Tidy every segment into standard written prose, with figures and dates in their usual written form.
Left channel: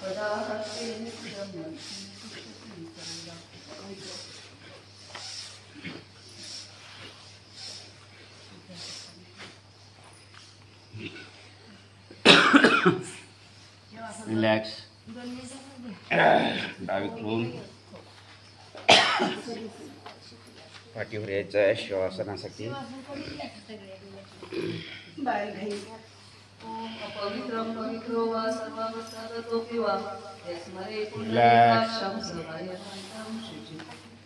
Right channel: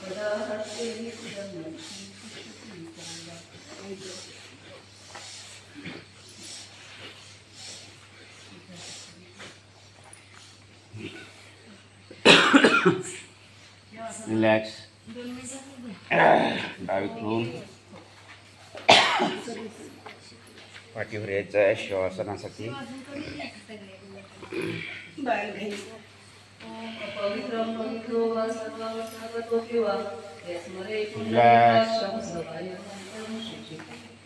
आपदाहर्ते नित्यं रक्षति सर्वदा। रिलॅक्स डावी घेऊन पाठीवर यायचं आहे श्वासनासाठी. पवित्रं पवित्रो वा सर्वावस्थागतोऽपि वा यस्मरे Relax. पुण्डरीकाक्षं सर्वायमन्त्रं शुचि.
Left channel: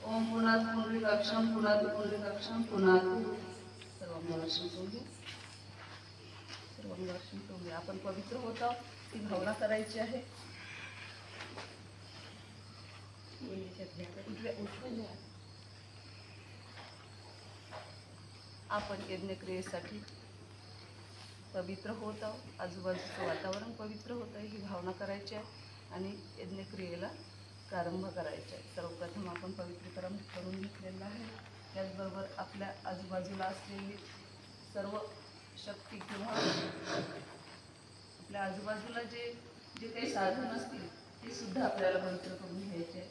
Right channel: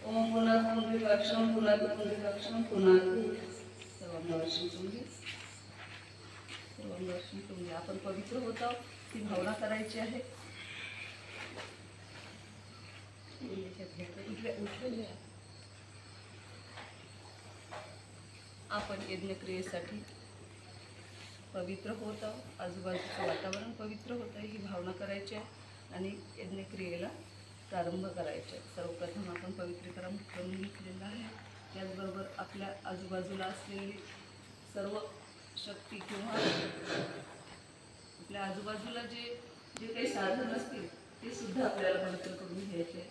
ओम पुनः पुण्डरीकाक्षं पुनः पुण्डरीकाक्षं पुनः सर्वांगवर्षं करूया. सर्वांगवर्षं करूया. आपण पवित्र होतो ती भावना करायची आहे. आपण यज्ञक्रियेसाठी पवित्र होत आहोत. आजूबाजूचं वातावरण पवित्र होत आहे ही भावना करायची आहे आणि यज्ञक्रियेला प्रारंभ करायचा आहे. सर्वप्रथम आपण पवित्रीकरण करून घेतलेलं आहे. त्याचबरोबर आपल्या आजूबाजूला असलेली सर्व शक्ती किंवा आपल्या आजूबाजूला जे काही साधन असतील ते सुद्धा आपल्याला पवित्र करून घ्यायचे आहे.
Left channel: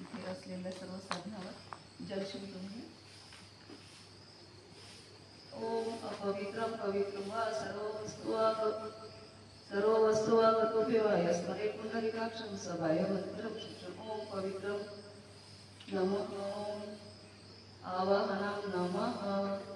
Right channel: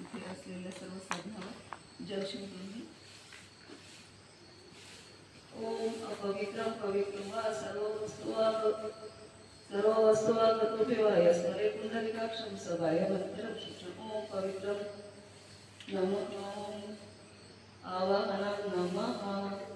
इथे असलेल्या सर्व साधनावर जल शिंपडून घे. ओम अपवित्रं पवित्रं वा सर्व वस्तुवागतोऽपि वा यस्मरे पुण्डरीकाक्षं सबाह्यमन्त्रं शुचिम्. ओम पवित्रं नमः. आवाहनं नमः.